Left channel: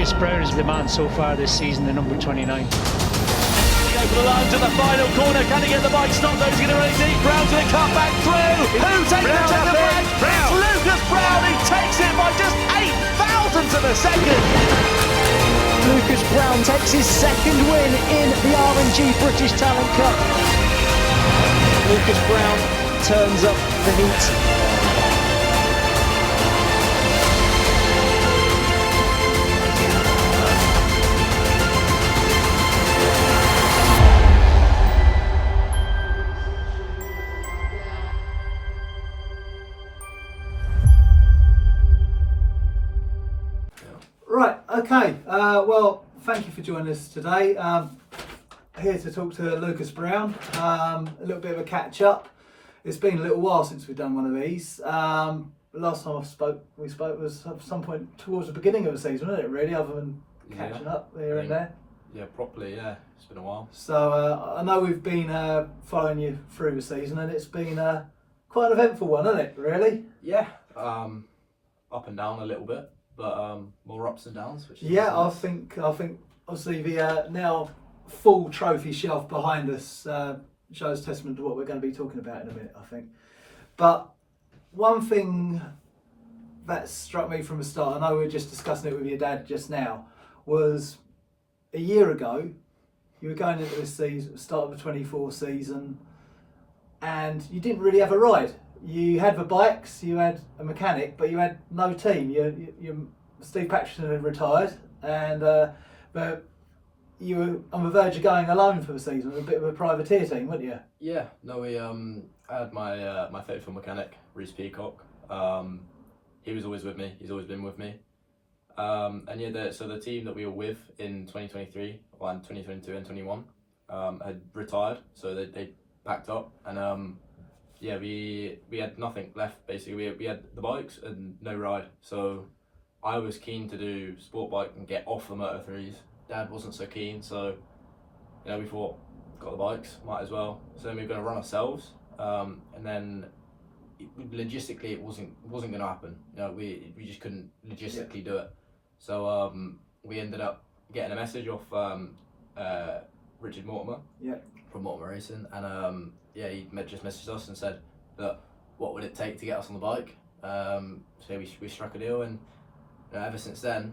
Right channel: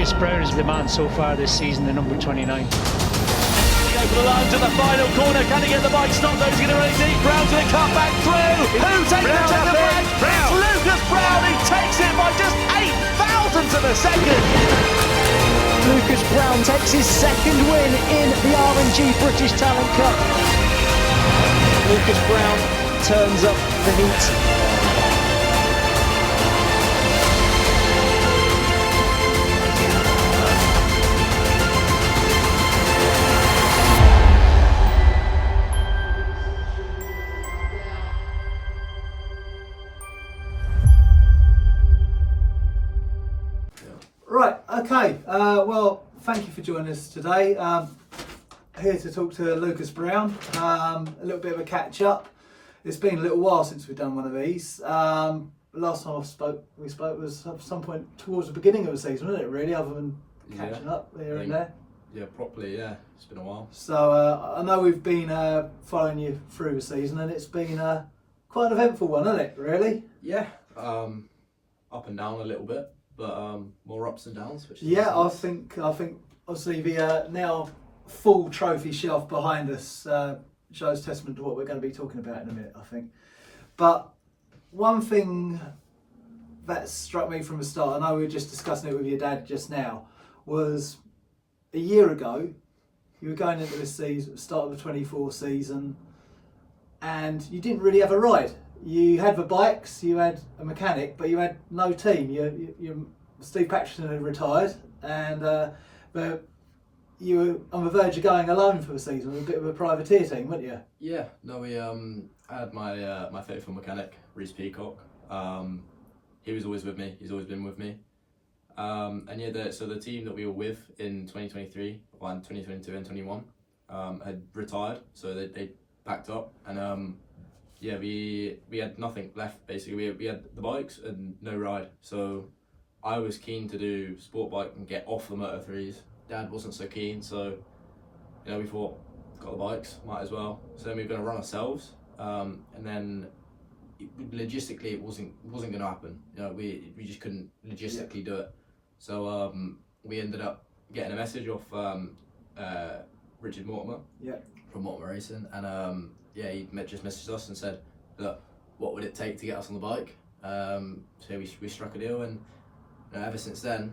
Lucas Brown is the man so far this season, the number 29. Over the line to the final corner. Can he get the bike stopped? Those going to run deep. Brown's going to cut back through. Who takes the checkered flag? It's Lucas Brown. He takes it by just 0.08 of a second. Lucas Brown takes his second win in the R&G British Talent Cup. Lucas Brown turns up the heat. Right, okay, well, thank you for joining us today. Here to talk to Lucas Brown, a little bit of a catch up. It's been a little while since we've done one of these. Last time we spoke was at some point towards the beginning of the season, wasn't it really, other than catching up here and there? Yeah, properly, yeah, it's been a while. So I know we've been following you through the season, and it's been quite an eventful one, hasn't it, really? Yeah, up and down a little bit. But more ups and downs, which is yeah, nice. I think obviously the now full trophy shelf behind us shows testament to what we're going to be talking about in a minute, I think. But one thing that struck me from the start, I know we were just discussing it with your dad just now, was a year ago you were going into this season, start of the 24 season, and you didn't really have a ride. You had the bikes, you had a mechanic, but you had no team. Steve Paxton had retired, and you were on the verge of going alone for the season with a bit of a privateer team, weren't you? Yeah, no, we I had my faithful mechanic, Reece Peacock. He was always with me. He's always been with me. And yeah, so the team that we were with in 2023, or in 2022 and 21, had retired, so they packed up, and yeah, we had nothing left basically. We had the bikes and no ride. So I was keen to do sport bike and get off the Moto3s. Dad wasn't so keen, so we thought, got the bikes, might as well. So then we were going to run ourselves, and then logistically it wasn't going to happen. We just couldn't logistically do it. So we ended up getting a message off Richard Mortimer from Mortimer Racing, and he just messaged us and said, look, what would it take to get us on the bike? So we struck a deal, and ever since then,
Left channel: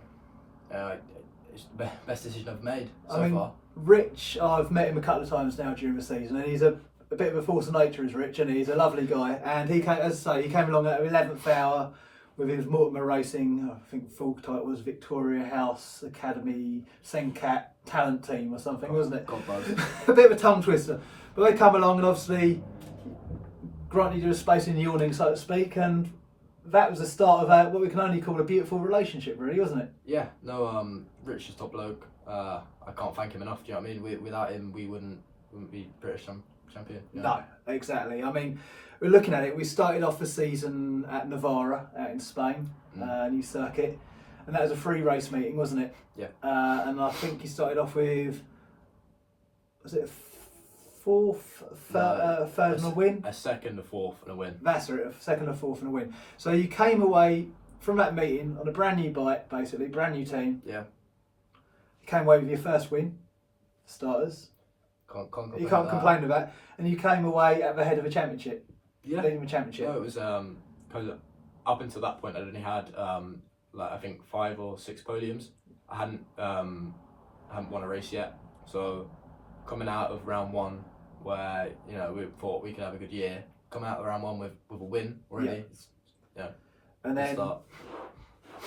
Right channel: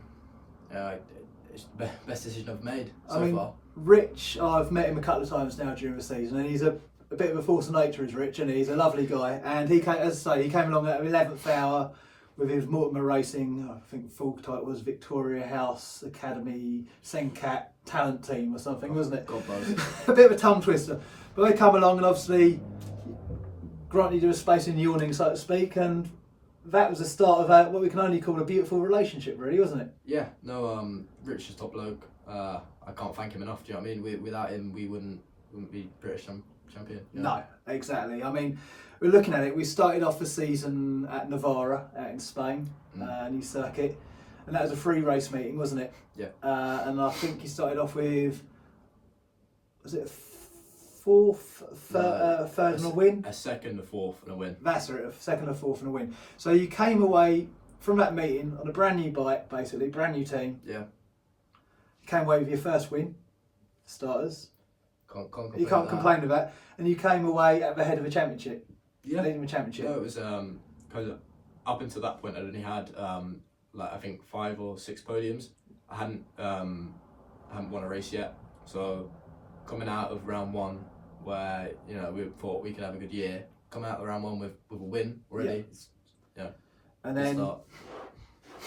it's the best decision I've made so far. Rich, I've met him a couple of times now during the season, and he's a bit of a force of nature, is Rich, and he's a lovely guy. And he came, as I say, he came along at the 11th hour with his Mortimer Racing, I think full title was Victoria House Academy Sencat Talent Team or something, wasn't it? God knows. A bit of a tongue twister. But they come along and obviously granted you a space in the awning, so to speak, and that was the start of what we can only call a beautiful relationship, really, wasn't it? Yeah, no, Rich is top bloke. I can't thank him enough, do you know what I mean? Without him, we wouldn't be British champion. No, exactly. I mean, we're looking at it, we started off the season at Navarra, out in Spain, new circuit, and that was a free race meeting, wasn't it? Yeah. And I think you started off with, was it third and a win? A second, a fourth and a win. That's it, a second, a fourth and a win. So you came away from that meeting on a brand new bike, basically, brand new team. Yeah. You came away with your first win, starters. Can't complain. You can't complain with that. And you came away at the head of a championship. Yeah. Leading the championship. No, it was because up until that point I'd only had I think 5 or 6 podiums. I hadn't won a race yet. So coming out of round 1, where we thought we could have a good year, coming out of round 1 with a win already. Yeah. And then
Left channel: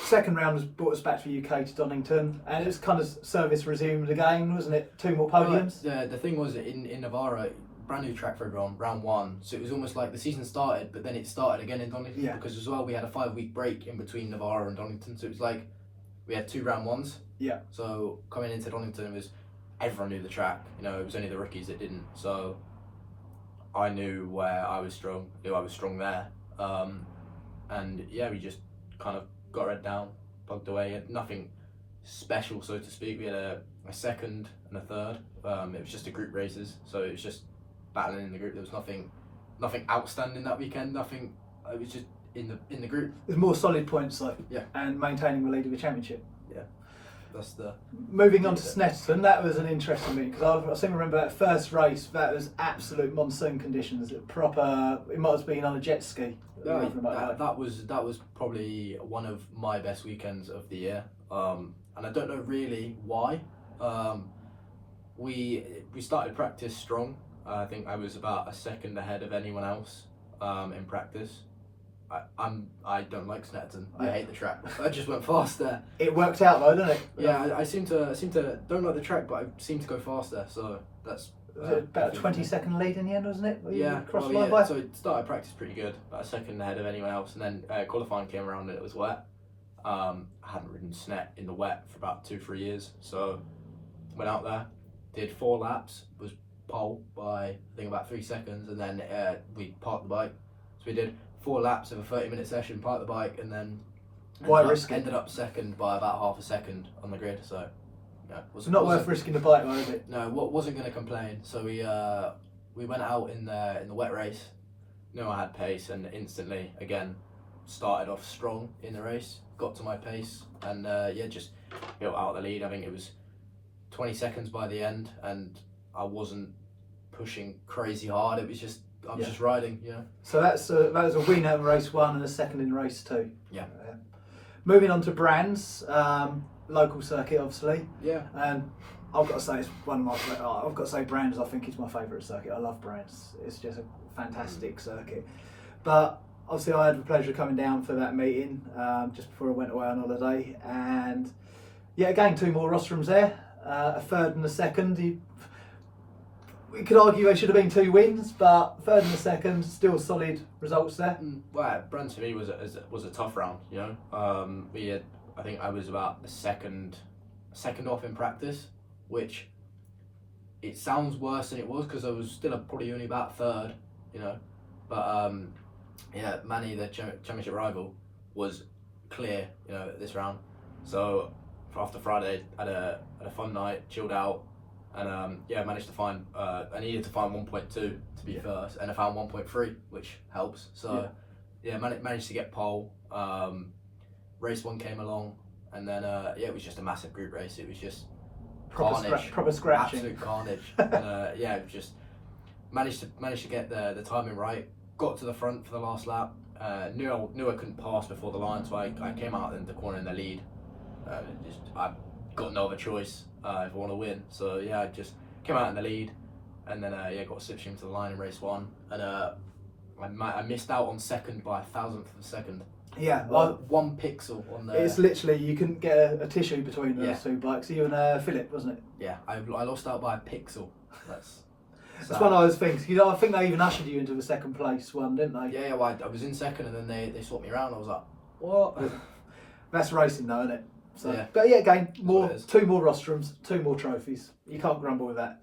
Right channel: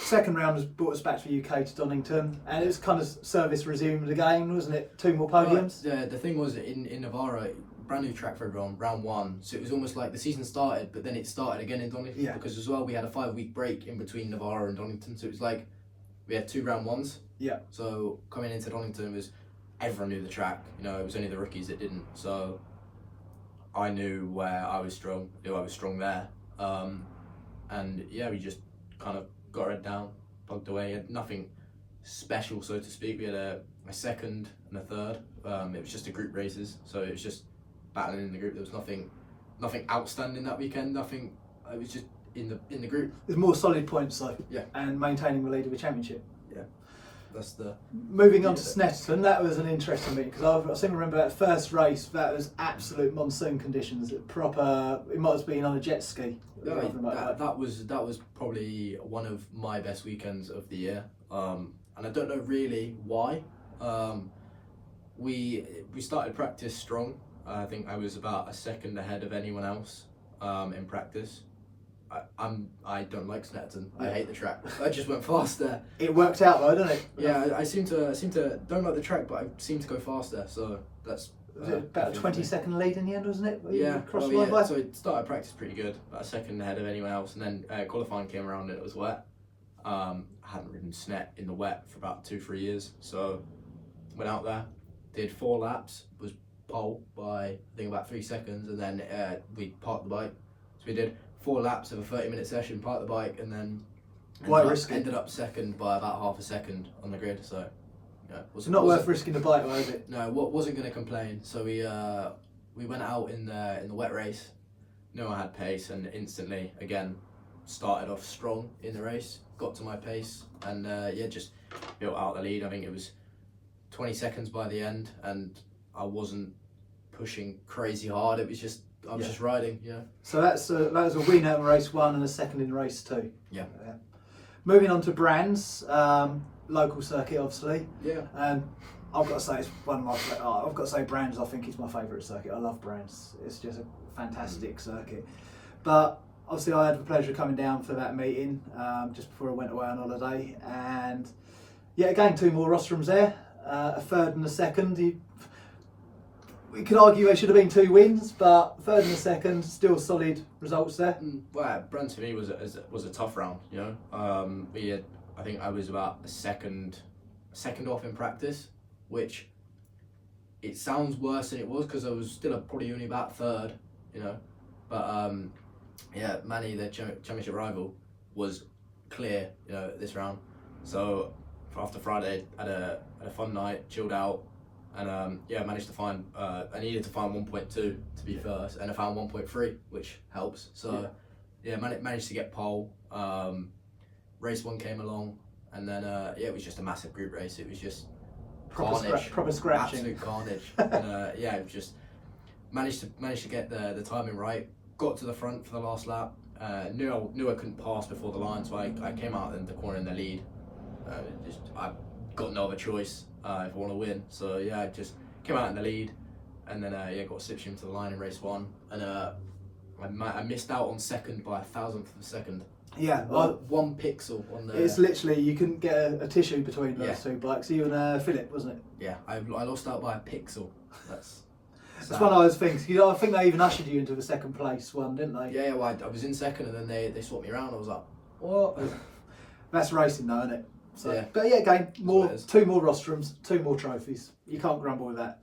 second round has brought us back to the UK to Donington, and it's kind of service resumed again, wasn't it? 2 more podiums. Yeah, the thing was in Navarra, brand new track for everyone, round 1. So it was almost like the season started, but then it started again in Donington because as well we had a 5-week break in between Navarra and Donington. So it was like we had 2 round 1s. Yeah. So coming into Donington was everyone knew the track. It was only the rookies that didn't. So I knew where I was strong. Knew I was strong there. And yeah, we just kind of got our head down, plugged away. Had nothing special, so to speak. We had a second and a third. It was just a group races, so it was just battling in the group. There was nothing outstanding that weekend. Nothing. It was just in the group. There's more solid points though. Yeah. And maintaining the lead of the championship. Yeah. that's the. Moving on to Snetterton, that was an interesting meeting because I seem to remember that first race. That was absolute monsoon conditions. Proper. It might have been on a jet ski. No, that was probably one of my best weekends of the year, and I don't know really why. We started practice strong. I think I was about a second ahead of anyone else in practice. I don't like Snetterton. I hate the track. I just went fast there. It worked out though, didn't it? Yeah, I seem to don't like the track, but I seem to go faster. So that's about a 20-second lead in the end, wasn't it? Yeah, Crossed the line by? So it started practice pretty good, about a second ahead of anyone else, and then qualifying came around and it was wet. I hadn't ridden Snet in the wet for about 2-3 years, so went out there, did 4 laps, was pole by I think about 3 seconds, and then we parked the bike. So we did 4 laps of a 30-minute session, parked the bike, and then ended up second by about half a second on the grid. So it's not worth risking the bike, though, is it? No, wasn't going to complain. So we went out in the wet race. Knew I had pace, and instantly again started off strong in the race. Got to my pace, and just built out the lead. I think it was 20 seconds by the end, and I wasn't pushing crazy hard. It was just I was just riding. Yeah. So that was a win in race 1 and a second in race 2. Yeah. Moving on to Brands. Local circuit, obviously. Yeah. And I've got to say, it's one of my. I've got to say, Brands. I think is my favourite circuit. I love Brands. It's just a fantastic circuit. But obviously, I had the pleasure of coming down for that meeting just before I went away on holiday, and again 2 more rostrums there, a third and a second. We could argue they should have been 2 wins, but third and a second, still solid results there. Well, Brands for me was a tough round. We had. I think I was about a second off in practice, which it sounds worse than it was because I was still probably only about third, But Manny, the championship rival, was clear, this round. So after Friday, had a fun night, chilled out, and managed to find. I needed to find 1.2 to be first, and I found 1.3, which helps. So managed to get pole. Race 1 came along, and then it was just a massive group race. It was just carnage, proper scratching, absolute carnage. And it was just managed to get the timing right. Got to the front for the last lap. Knew I couldn't pass before the line, so I came out in the corner in the lead. I got no other choice if I want to win. So I just came out in the lead, and then got a slipstream to the line in race 1, and I missed out on second by 1,000th of a second. Yeah, 1 pixel on the. It's literally you couldn't get a tissue between those 2 bikes. You and Philip, wasn't it? Yeah, I lost out by a pixel. That's one of those things. I think they even ushered you into the second place one, didn't they? Yeah. Well, I was in second, and then they swapped me around. I was like, what? That's racing, though, isn't it? So, yeah. But again, 2 more rostrums, 2 more trophies. You can't grumble with that.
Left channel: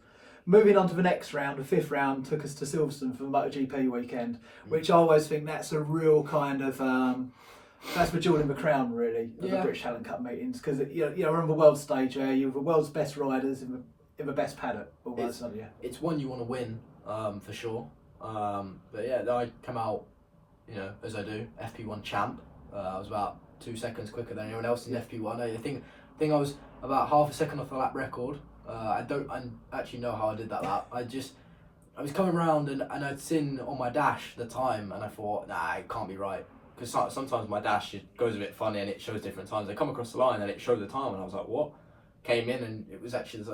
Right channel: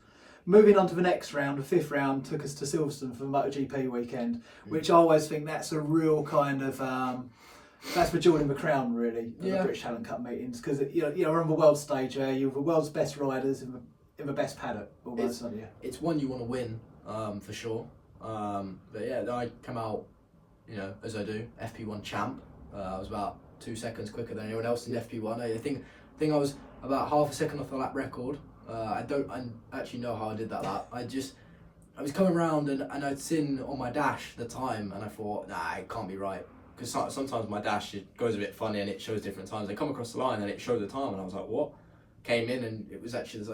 Moving on to the next round, the 5th round took us to Silverstone for the MotoGP weekend, which I always think that's a real kind of that's the jewel in the crown, really, of the British Talent Cup meetings, because we're on the world stage there. You're the world's best riders in the best paddock, almost, aren't you? It's one you want to win, for sure. But I come out, as I do, FP1 champ. I was about 2 seconds quicker than anyone else in FP1. I think I was about half a second off the lap record. I don't actually know how I did that lap. I was coming around and I'd seen on my dash the time, and I thought, nah, it can't be right. Because sometimes my dash goes a bit funny and it shows different times. They come across the line and it showed the time, and I was like, what? Came in and it was actually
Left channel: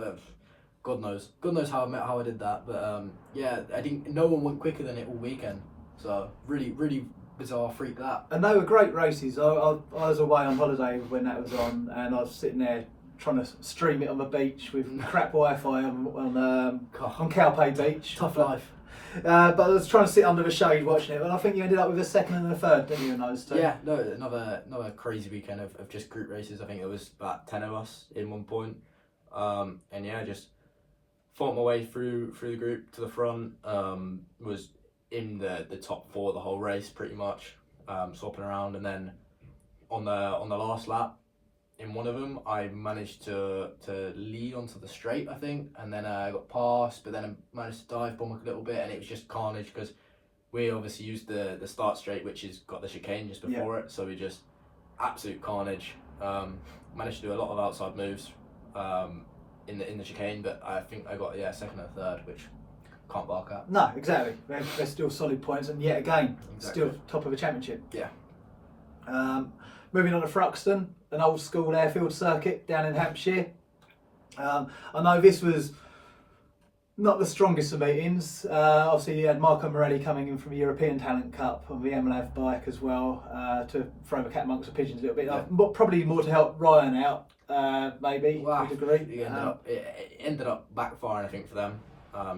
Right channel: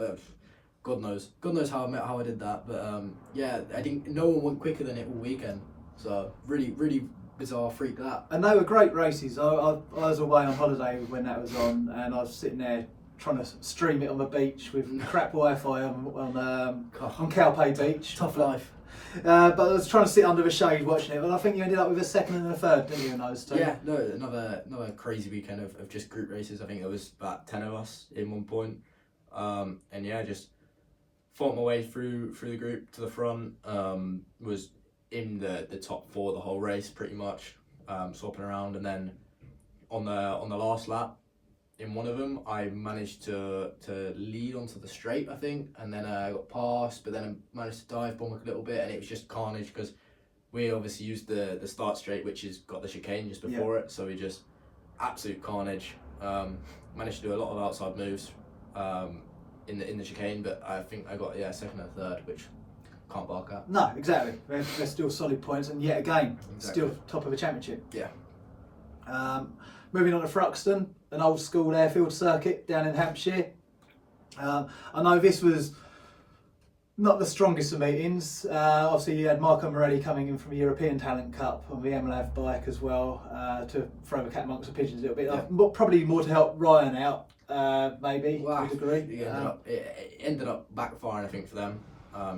God knows how I did that. But I didn't. No one went quicker than it all weekend. So really bizarre freak lap. And they were great races. I was away on holiday when that was on, and I was sitting there trying to stream it on the beach with crap Wi-Fi on Calpe Beach. Tough life. But I was trying to sit under the shade watching it, and I think you ended up with a second and a third, didn't you, in those 2? Yeah, no, another crazy weekend of just group races. I think there was about 10 of us in one point, and just fought my way through the group to the front. Was in the top 4 the whole race pretty much, swapping around, and then on the last lap, in one of them, I managed to lead onto the straight, I think, and then I got past, but then I managed to dive bomb a little bit, and it was just carnage because we obviously used the start straight, which has got the chicane just before it, so we just absolute carnage. Managed to do a lot of outside moves in the chicane, but I think I got second and third, which can't bark at. No, exactly. They're still solid points, and yet again, Exactly. still top of the championship. Yeah. Moving on to Thruxton, an old school airfield circuit down in Hampshire. I know this was not the strongest of meetings. Obviously, you had Marco Morelli coming in from the European Talent Cup on the MLAV bike as well to throw the cat amongst the pigeons a little bit. Yeah. Probably more to help Ryan out, maybe, to a degree. It ended up backfiring, I think, for them.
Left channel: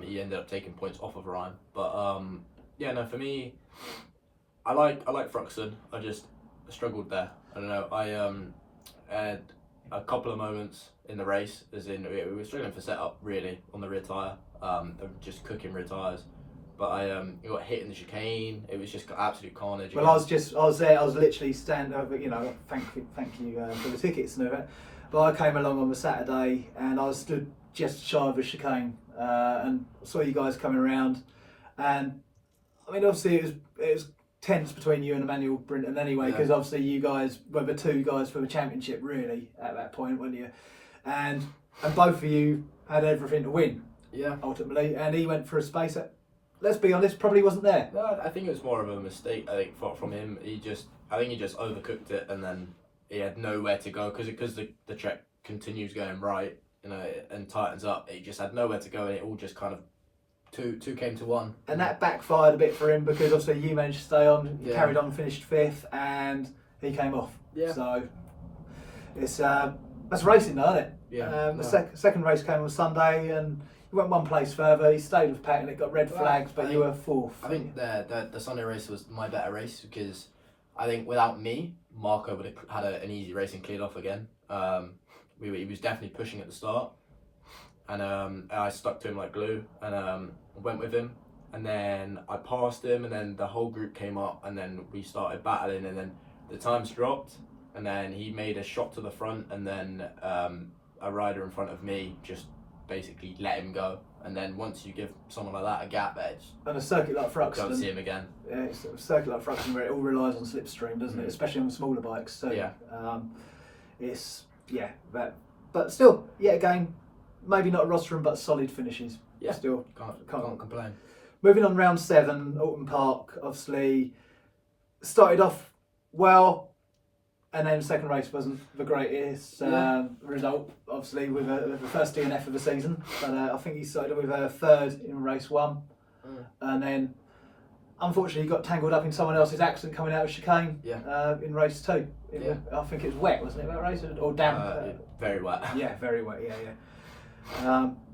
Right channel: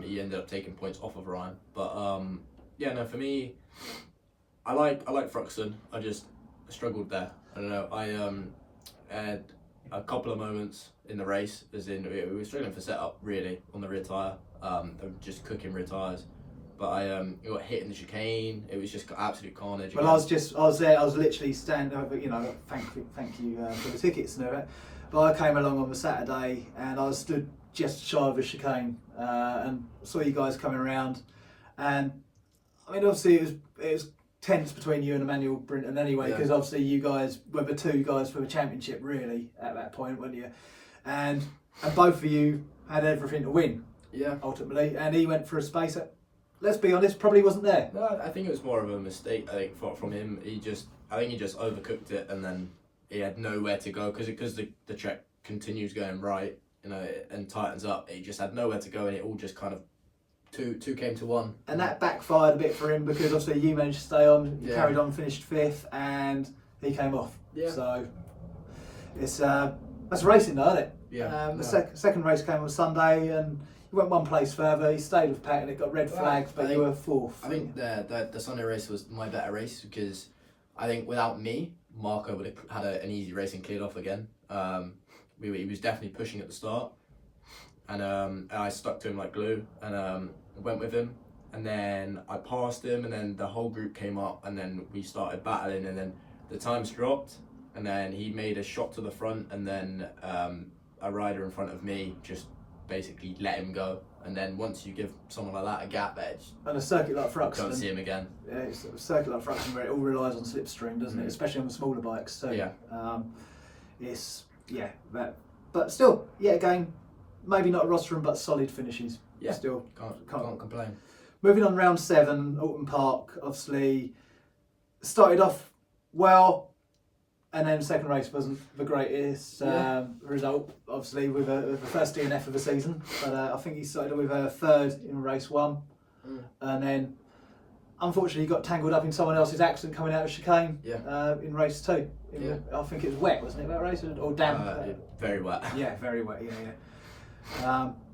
He ended up taking points off of Ryan. But for me, I like Thruxton. I just struggled there. I don't know. I had a couple of moments in the race, as in we were struggling for setup really on the rear tyre. Just cooking rear tyres. But I got hit in the chicane. It was just absolute carnage. Well, I was there. I was literally standing over. Thank you for the tickets and everything. But I came along on the Saturday and I was stood just shy of the chicane and saw you guys coming around. And I mean, obviously it was tense between you and Emmanuel Brinton anyway, because obviously you guys were the two guys for the championship really at that point, weren't you? And both of you had everything to win. Yeah. Ultimately, and he went for a space that, let's be honest, probably wasn't there. No, I think it was more of a mistake. I think from him, I think he just overcooked it, and then he had nowhere to go because the track continues going right, and tightens up. He just had nowhere to go, and it all just kind of two came to one. And that backfired a bit for him because obviously you managed to stay on, carried on, finished fifth, and he came off. Yeah. So it's that's racing, though, isn't it? Yeah. The second race came on Sunday, and you went one place further. He stayed with Pat, and it got red flags, but you were fourth. I think the Sunday race was my better race because I think without me, Marco would have had an easy race and cleared off again. He was definitely pushing at the start, and I stuck to him like glue and went with him. And then I passed him, and then the whole group came up, and then we started battling, and then the times dropped, and then he made a shot to the front, and then a rider in front of me just basically let him go. And then once you give someone like that a gap edge, and a circuit like Thruxton, don't see him again. Yeah, it's a circuit like Thruxton where it all relies on slipstream, doesn't it? Especially on the smaller bikes too. Yeah. But still, yet again, maybe not a rostrum, but solid finishes. Yeah. Still Can't complain. Moving on, round 7, Alton Park. Obviously, started off well, and then the second race wasn't the greatest result, obviously, with the first DNF of the season. But I think he started with a third in race 1, and then unfortunately he got tangled up in someone else's accident coming out of chicane in race 2. I think it was wet, wasn't it, that race, or damp? Very wet. Yeah, very wet.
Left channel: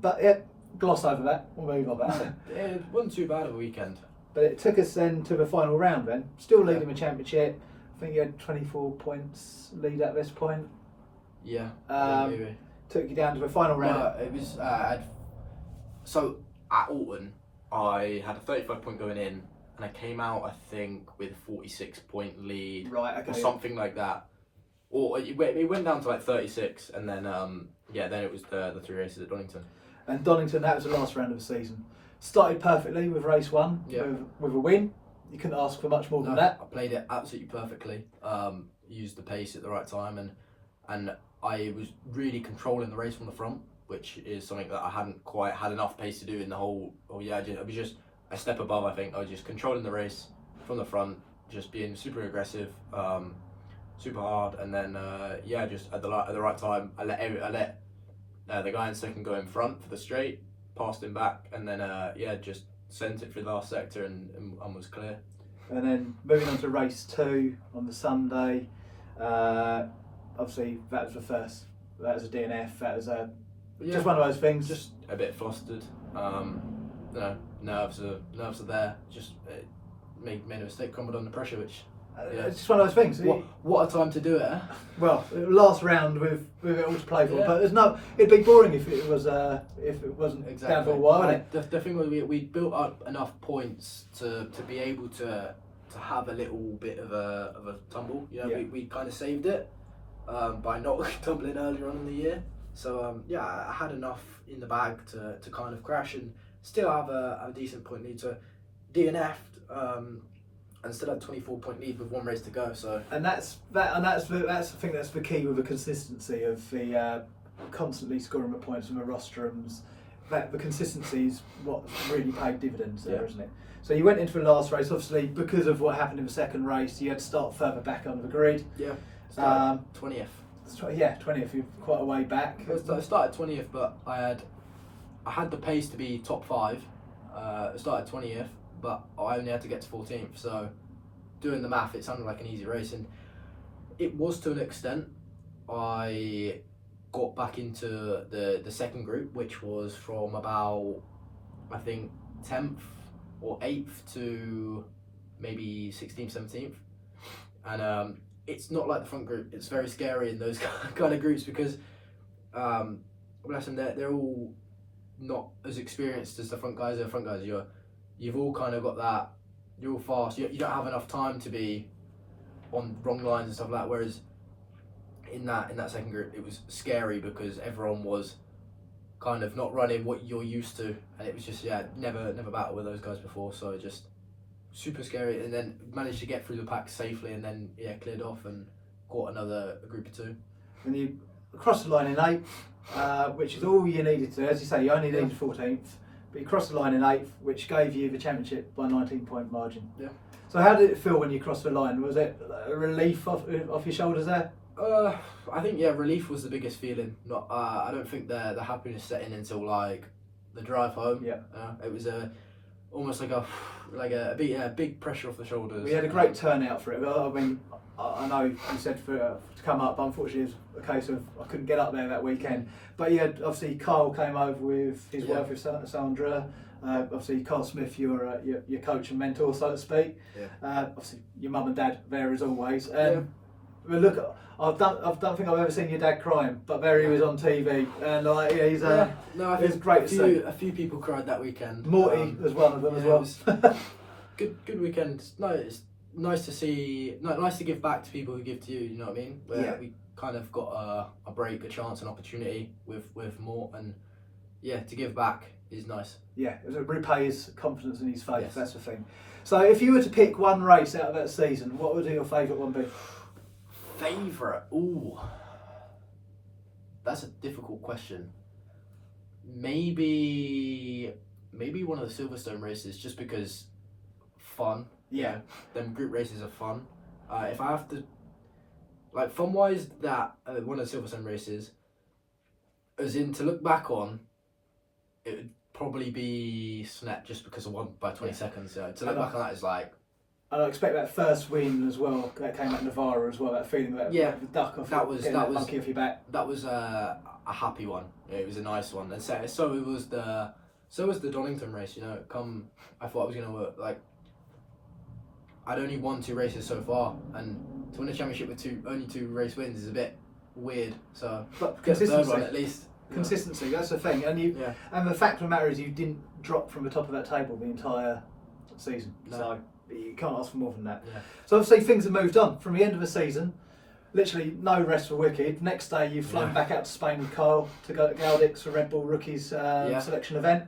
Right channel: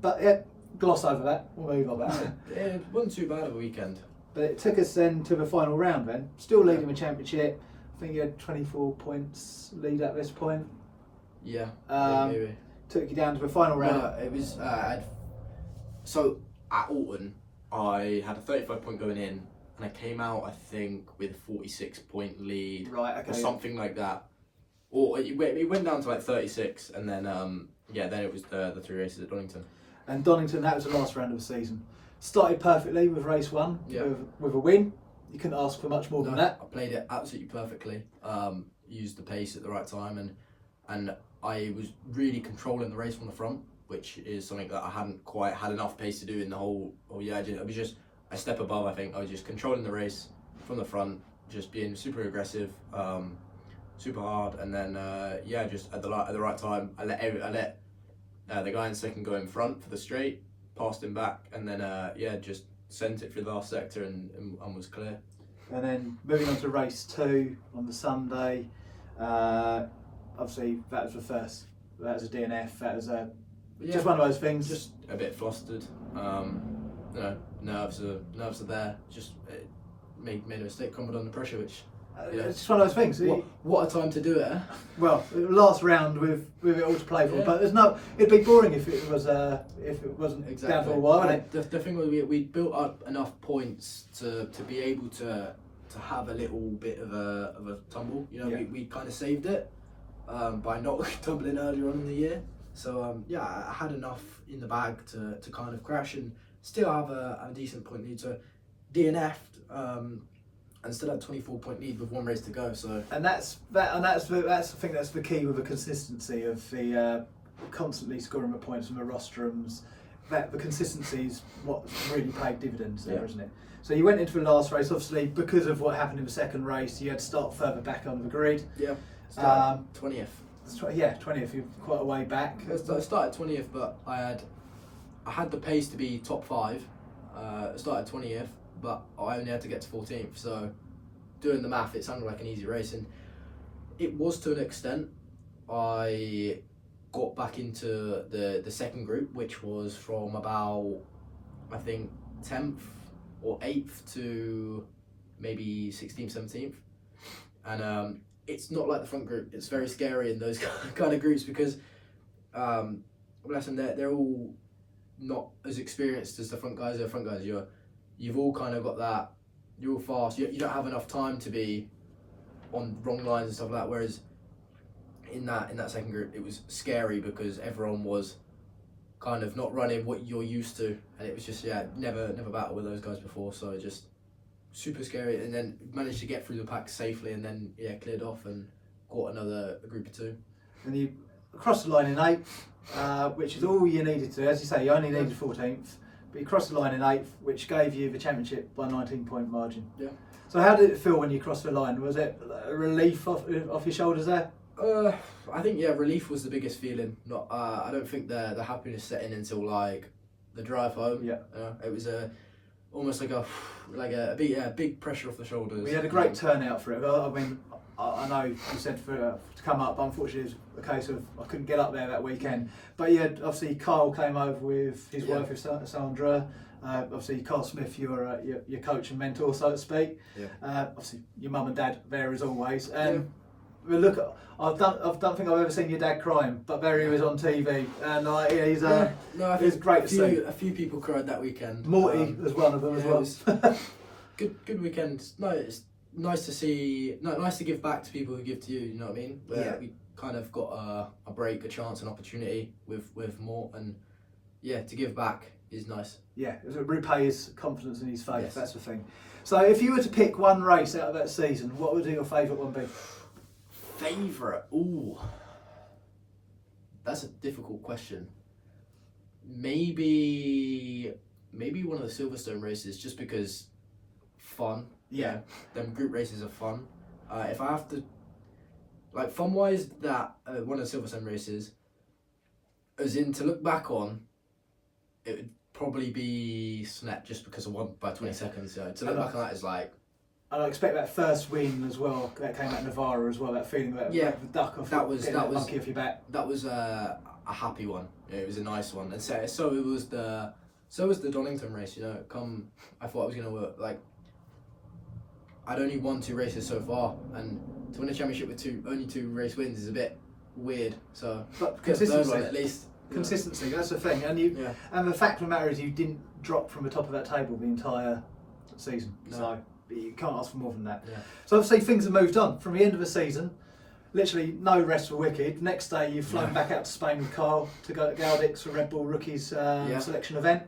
But gloss over that. We'll move on. It wasn't too bad of a weekend. But it took us then to the final round. Then still leading the championship. I think you had 24 points lead at this point. Yeah, maybe. Took you down to the final round. No, it was. So at Alton, I had a 35 point going in, and I came out, I think, with a 46 point lead, or something like that. Or it went down to like 36, and then then it was the 3 races at Donington. And Donington, that was the last round of the season. Started perfectly with race 1 with a win. You couldn't ask for much more than that. I played it absolutely perfectly. Used the pace at the right time, and I was really controlling the race from the front, which is something that I hadn't quite had enough pace to do in the whole. I was just a step above. I think I was just controlling the race from the front, just being super aggressive, super hard, and then just at the right time, I let the guy in second go in front for the straight, passed him back, and then just sent it through the last sector and was clear. And then moving on to race 2 on the Sunday, obviously that was the first. That was a DNF. That was just one of those things. Just a bit flustered. Nerves are there. Just made a mistake, crumbled under pressure, which. It's just one of those things. What a time to do it. Well, last round with it all to play for, but it'd be boring if it wasn't down for a while. The thing was we built up enough points to be able to have a little bit of a tumble. We kind of saved it by not tumbling earlier on in the year. So I had enough in the bag to kind of crash and still have a decent point lead. So DNF'd. and still had 24-point lead with 1 race to go. So that's I think that's the key with the consistency of the constantly scoring the points from the rostrums. That the consistency is what really paid dividends there, isn't it? So you went into the last race, obviously because of what happened in the second race, you had to start further back under the grid. Yeah, started 20th. Yeah, 20th. You're quite a way back. I started 20th, but I had the pace to be top 5. I started 20th, but I only had to get to 14th. So doing the math, it sounded like an easy race, and it was to an extent. I got back into the second group, which was from about, I think, 10th or 8th to maybe 16th, 17th. And it's not like the front group. It's very scary in those kind of groups because, bless them, they're all not as experienced as the front guys. The front guys, you've all kind of got that. You're all fast. You don't have enough time to be on wrong lines and stuff like that. Whereas in that second group, it was scary because everyone was kind of not running what you're used to, and it was just never battled with those guys before. So just super scary, and then managed to get through the pack safely, and then cleared off and caught another group of 2. And you crossed the line in 8th, which is all you needed to. As you say, you only needed 14th, but you crossed the line in 8th, which gave you the championship by 19-point margin. Yeah. So how did it feel when you crossed the line? Was it a relief off your shoulders there? I think relief was the biggest feeling. Not I don't think the happiness set in until like the drive home. Yeah. It was almost like a big pressure off the shoulders. We had a great turnout for it. I mean, I know you said to come up, but unfortunately it was a case of I couldn't get up there that weekend. But yeah, obviously Kyle came over with his wife, with Sandra. Obviously Carl Smith, your coach and mentor, so to speak. Yeah. Obviously your mum and dad there as always. Look, I don't think I've ever seen your dad crying, but there he was on TV, and he's I think great to see. A few people cried that weekend. Morty was one of them as well. It was good weekend. No, it's nice to see. Nice to give back to people who give to you. You know what I mean? Where we kind of got a break, a chance, an opportunity with Mort, and to give back is nice. Yeah, it repay his confidence in his faith. Yes. That's the thing. So, if you were to pick one race out of that season, what would your favourite one be? Favourite? Ooh, that's a difficult question. Maybe one of the Silverstone races, just because fun. Yeah, them group races are fun. If I have to, like, fun wise, that one of the Silverstone races, as in to look back on, it would probably be Snet, just because of 1 by 20 seconds. So to look back on that is like. And I expect that first win as well. That came out in Navarra as well. That feeling that the duck off monkey off your back. That was a happy one. It was a nice one, and so it was the Donington race. You know, I thought I was gonna like. I'd only won 2 races so far, and to win a championship with only 2 race wins is a bit weird. So, but consistency, third one at least. Consistency, that's the thing, and and the fact of the matter is you didn't drop from the top of that table the entire season. No. So you can't ask for more than that. Yeah. So obviously things have moved on from the end of the season. Literally no rest for Wicked. Next day you've flown back out to Spain with Kyle to go to Galdix for Red Bull Rookies selection event.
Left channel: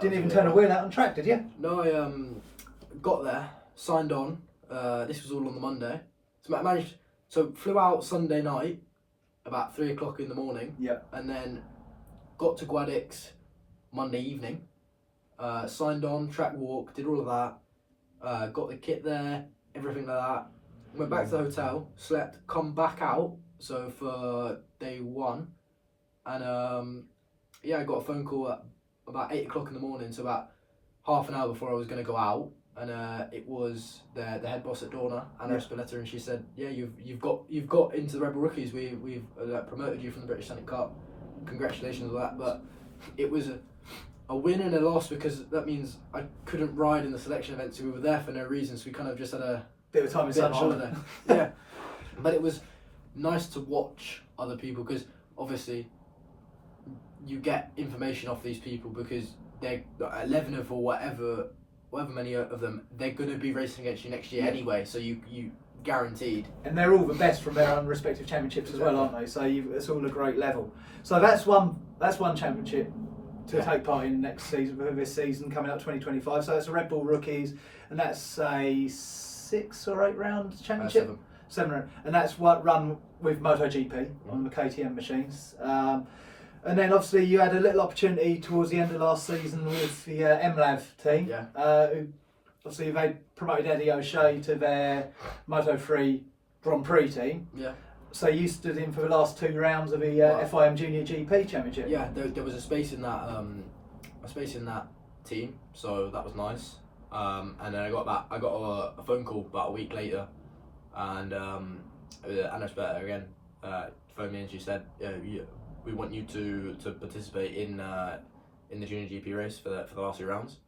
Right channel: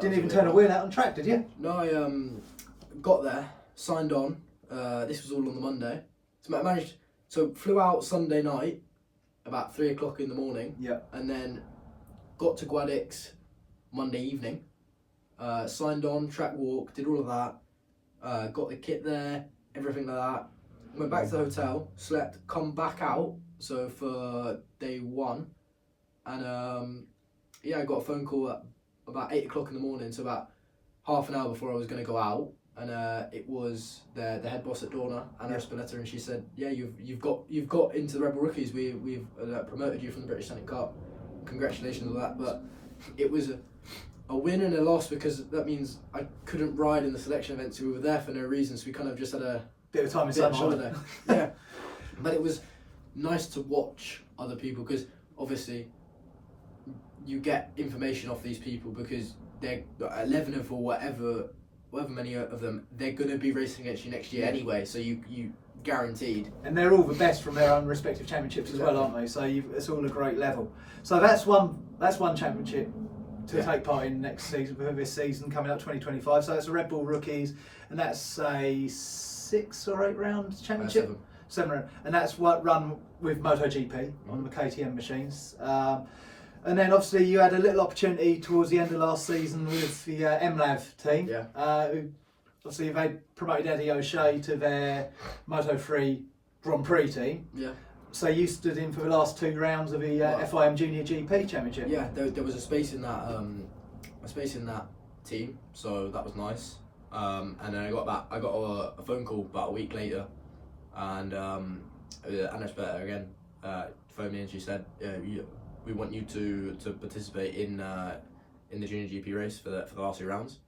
Didn't even turn a wheel out on track, did you? No, I got there, signed on. This was all on the Monday. So I managed. So flew out Sunday night, about 3 o'clock in the morning. Yeah. And then got to Guadix Monday evening. Signed on, track walk, did all of that. Got the kit there, everything like that. Went back to the hotel, slept, come back out. So for day 1, and I got a phone call at about 8 o'clock in the morning. So about half an hour before I was going to go out, and it was the head boss at Dorna, Anna Espineta, and she said, "Yeah, you've got into the Red Bull Rookies. We've promoted you from the British Talent Cup. Congratulations on that." But it was a win and a loss, because that means I couldn't ride in the selection event, so we were there for no reason. So we kind of just had a bit of time in sunshine. Holiday. Yeah, but it was nice to watch other people, because obviously you get information off these people, because they're 11 of or whatever many of them, they're going to be racing against you next year anyway. So you guaranteed. And they're all the best from their own respective championships as well, aren't they? So it's all a great level. So that's one championship to take part in next season, for this season coming up 2025. So that's the Red Bull rookies, and that's a 6 or 8 round championship. 7 round, and that's what run with MotoGP on the KTM machines. And then obviously you had a little opportunity towards the end of last season with the MLAV team. Who obviously they promoted Eddie O'Shea to their Moto3 Grand Prix team. So you stood in for the last 2 rounds of the FIM Junior GP Championship. Yeah, there was a space in that team, so that was nice. And then I got a phone call about a week later, and Anna Sperter again phoned me and she said, we want you to participate in the Junior GP race for the last 2 rounds.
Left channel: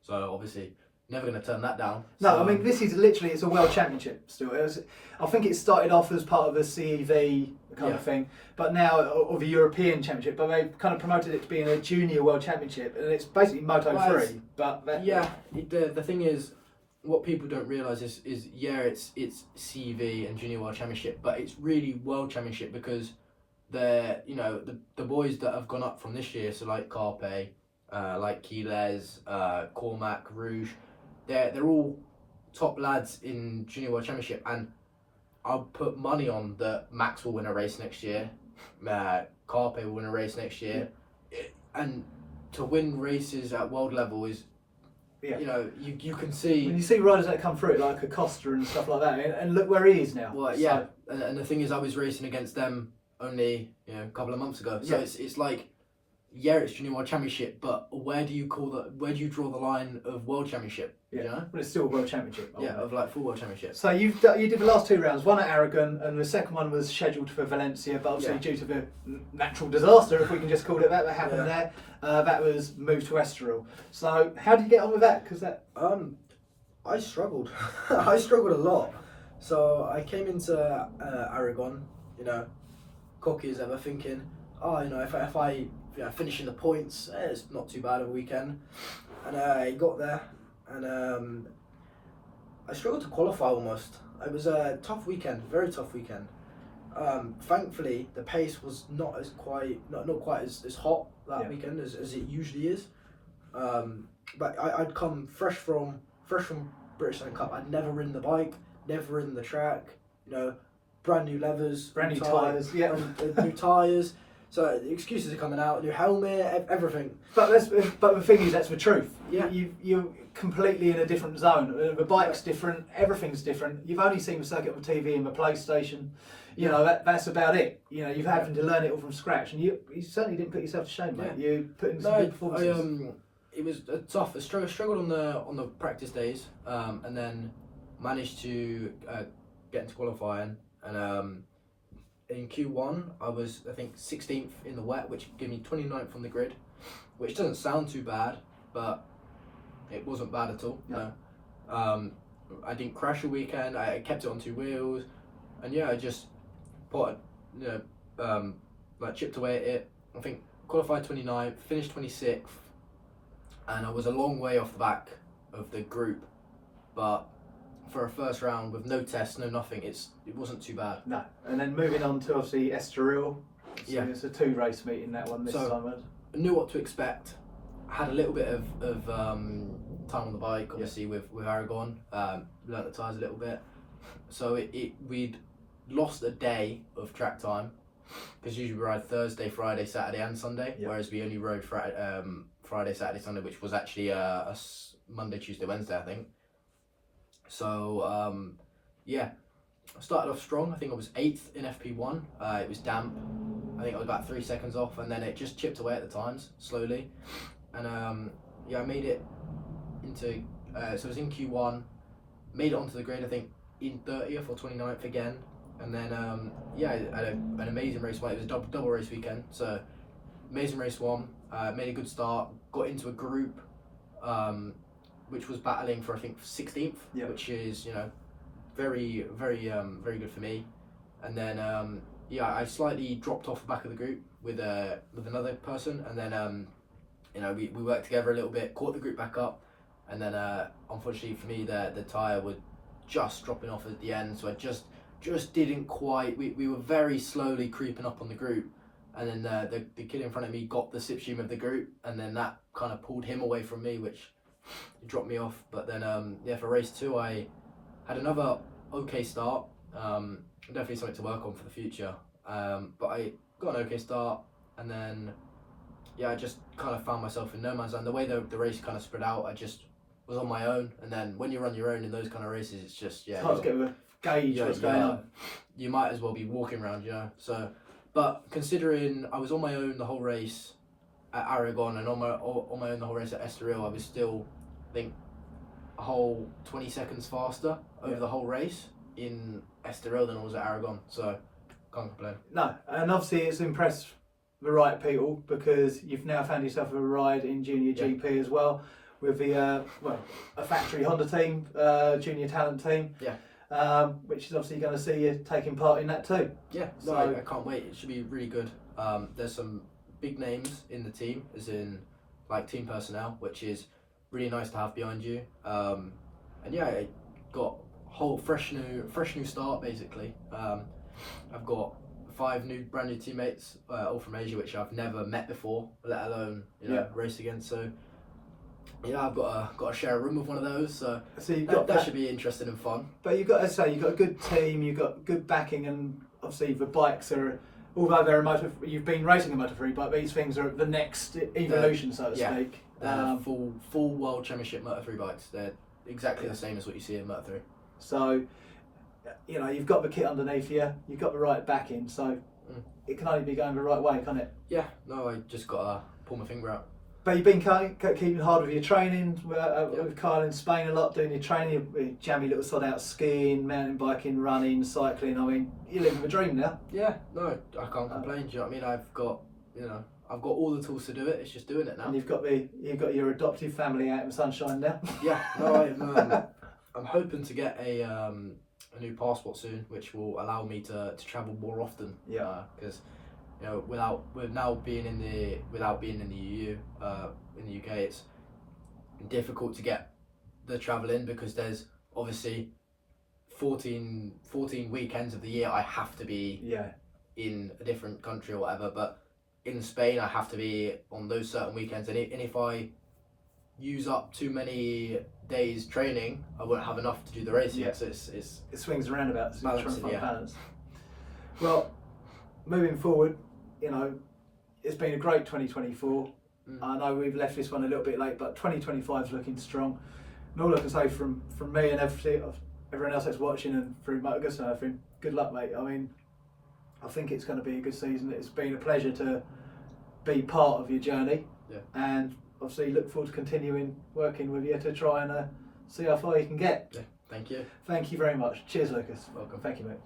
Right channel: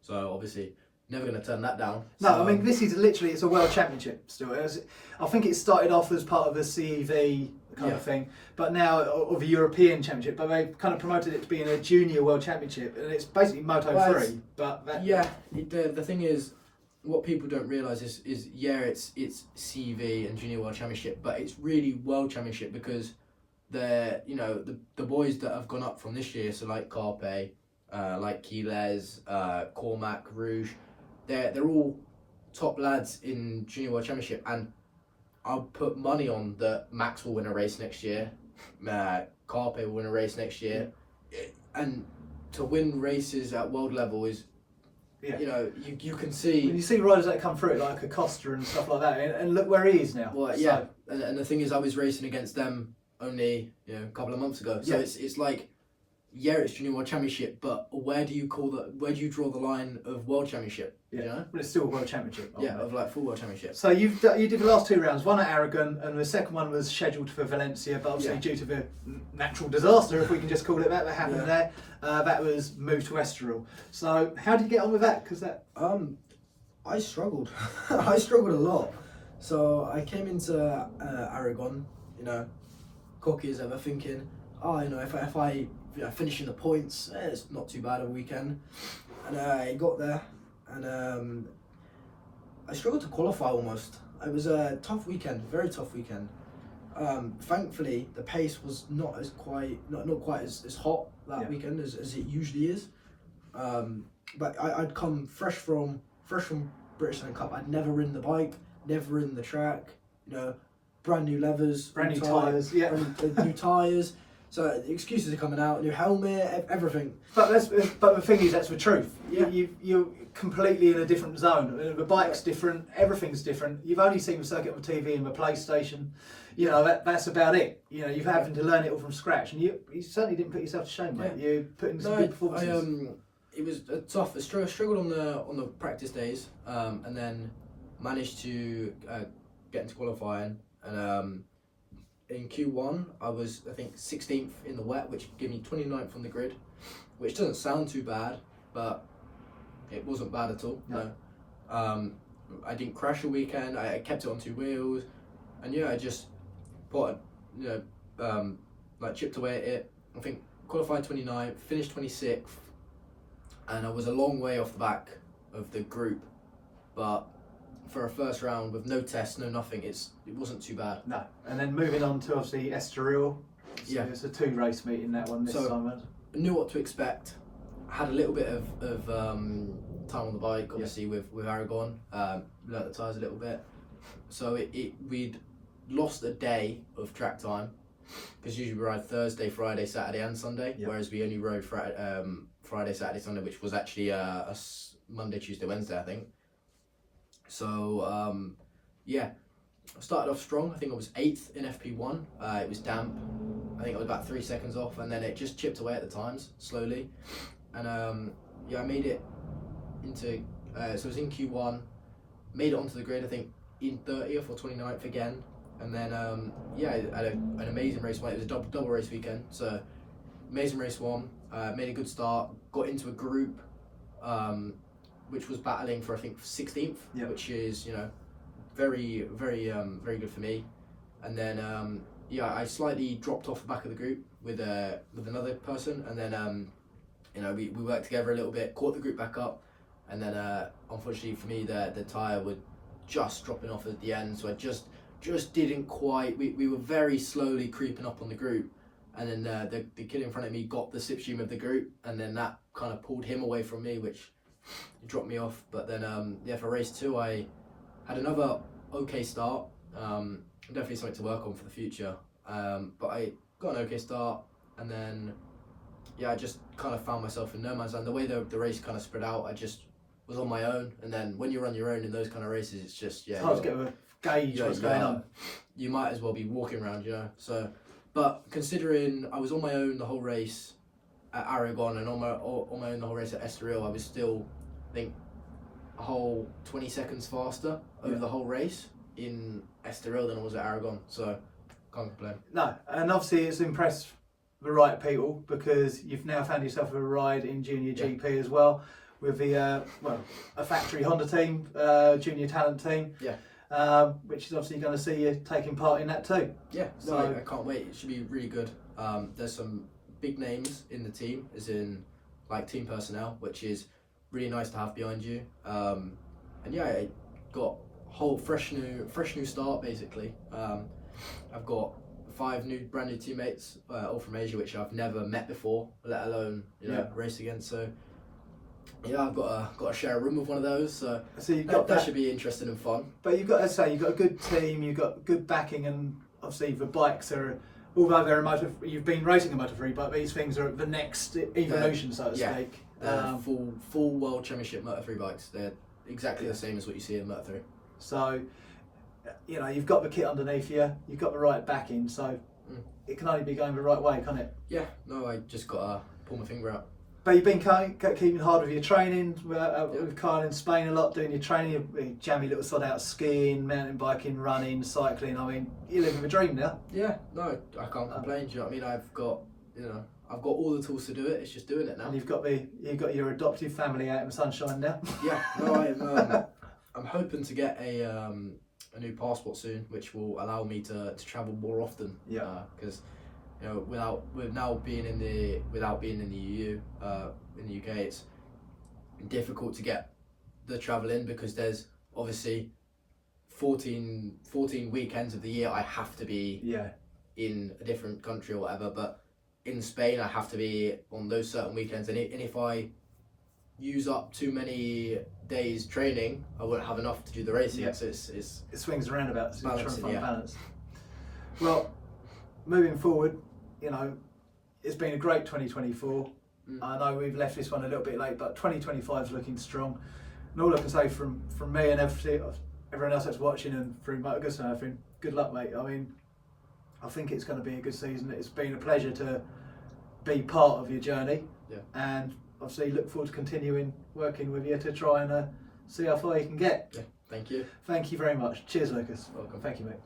So obviously never going to turn that down. No, so, I mean this is literally, it's a world championship still. I think it started off as part of a CEV kind of thing, but now of a European championship. But they've kind of promoted it to being a junior world championship, and it's basically Moto3. The thing is, what people don't realise is it's CEV and junior world championship, but it's really world championship because the boys that have gone up from this year, so like Carpe, like Quiles, Cormac, Rouge, they're all top lads in junior world championship, and I'll put money on that Max will win a race next year, Carpe will win a race next year, and to win races at world level is, you can see. When you see riders that come through like Acosta and stuff like that, and look where he is now. Well, yeah, and the thing is, I was racing against them only a couple of months ago, so it's like, it's junior world championship, but where do you draw the line of world championship? But it's still a world championship. Of like full world championship. So you did the last 2 rounds, one at Aragon, and the second one was scheduled for Valencia, but obviously due to the natural disaster, if we can just call it that happened there, that was moved to Estoril. So how did you get on with that? Because that I struggled. I struggled a lot. So I came into Aragon, cocky as ever, thinking, if I finish in the points, it's not too bad of a weekend. And I got there, and I struggled to qualify almost. It was a tough weekend, very tough weekend. Thankfully, the pace was not quite as hot that weekend as it usually is. But I'd come fresh from British Talent Cup. I'd never ridden the bike, never ridden the track. Brand new levers, brand new tyres, new tyres. So the excuses are coming out, new helmet, everything. But the thing is, that's the truth. You're completely in a different zone. The bike's different, everything's different. You've only seen the circuit on TV and the PlayStation. That's about it. You've having to learn it all from scratch, and you certainly didn't put yourself to shame, mate. You put in some good performances. It was tough. I struggled on the practice days, and then managed to get into qualifying. And in Q1, I was, I think, 16th in the wet, which gave me 29th on the grid, which doesn't sound too bad, but it wasn't bad at all. No. I didn't crash a weekend. I kept it on 2 wheels, and I just put, chipped away at it. I think qualified 29th, finished 26th, and I was a long way off the back of the group, but for a first round with no tests, no nothing, it wasn't too bad. No, and then moving on to obviously Estoril. So it's a 2 race meeting, that one this time. I knew what to expect. Had a little bit of time on the bike, obviously with Aragon. Learnt the tyres a little bit. So we'd lost a day of track time because usually we ride Thursday, Friday, Saturday, and Sunday, whereas we only rode Friday, Saturday, Sunday, which was actually a Monday, Tuesday, Wednesday, I think. So I started off strong. I think I was 8th in FP1. It was damp. I think I was about 3 seconds off, and then it just chipped away at the times slowly. And I made it into. So I was in Q1, made it onto the grid. I think in 30th or 29th again, and then I had an amazing race one. It was a double race weekend. So amazing race one. Made a good start. Got into a group. Which was battling for, I think, 16th, which is, very, very, very good for me. And then, I slightly dropped off the back of the group with another person, and then, we worked together a little bit, caught the group back up, and then, unfortunately for me, the tyre was just dropping off at the end, so I just didn't quite. We were very slowly creeping up on the group, and then the kid in front of me got the slipstream of the group, and then that kind of pulled him away from me, which dropped me off. But then for race 2, I had another okay start. Definitely something to work on for the future. But I got an okay start, and then I just kind of found myself in no man's land. The way the race kind of spread out, I just was on my own. And then when you're on your own in those kind of races, it's just It's hard to get a gauge what's going on. You might as well be walking around, So, but considering I was on my own the whole race at Aragon and on my own the whole race at Estoril, I was still, I think, a whole 20 seconds faster over the whole race in Estoril than I was at Aragon. So, can't complain. No, and obviously it's impressed the right people, because you've now found yourself a ride in Junior GP as well, with the a factory Honda team, Junior Talent team. Yeah. Which is obviously going to see you taking part in that too. Yeah, so I can't wait. It should be really good. There's some big names in the team, as in like team personnel, which is really nice to have behind you. And I got a whole fresh new start basically. I've got 5 brand new teammates, all from Asia, which I've never met before, let alone race against. So I've got to share a room with one of those. So you've got that should be interesting and fun. But you've got to say, you've got a good team, you've got good backing, and obviously the bikes are, although they're you've been racing a Moto3 bike, these things are the next evolution, so to speak. They're full World Championship Moto3 bikes. They're exactly the same as what you see in Moto3. So, you've got the kit underneath you, you've got the right backing, so it can only be going the right way, can't it? Yeah, no, I just got to pull my finger out. But you've been keeping hard with your training, with Kyle in Spain a lot, doing your training, you jammy little sod out skiing, mountain biking, running, cycling. I mean, you're living the dream now. Yeah, no, I can't complain. Do you know what I mean? I've got all the tools to do it. It's just doing it now. And you've got your adoptive family out in the sunshine now. Yeah, no, I'm hoping to get a new passport soon, which will allow me to travel more often. Yeah, because. Without being in the EU, in the UK, it's difficult to get the travel in, because there's obviously 14 weekends of the year I have to be in a different country or whatever. But in Spain, I have to be on those certain weekends, and if I use up too many days training, I won't have enough to do the racing. So it swings around about, so you're trying to find balance. Well, moving forward, it's been a great 2024. I know we've left this one a little bit late, but 2025 is looking strong. And all I can say from me and everyone else that's watching and through MotoGusto, good luck, mate. I mean, I think it's going to be a good season. It's been a pleasure to be part of your journey, and obviously look forward to continuing working with you to try and see how far you can get. Yeah, thank you. Thank you very much. Cheers, Lucas. Welcome. Thank you, mate.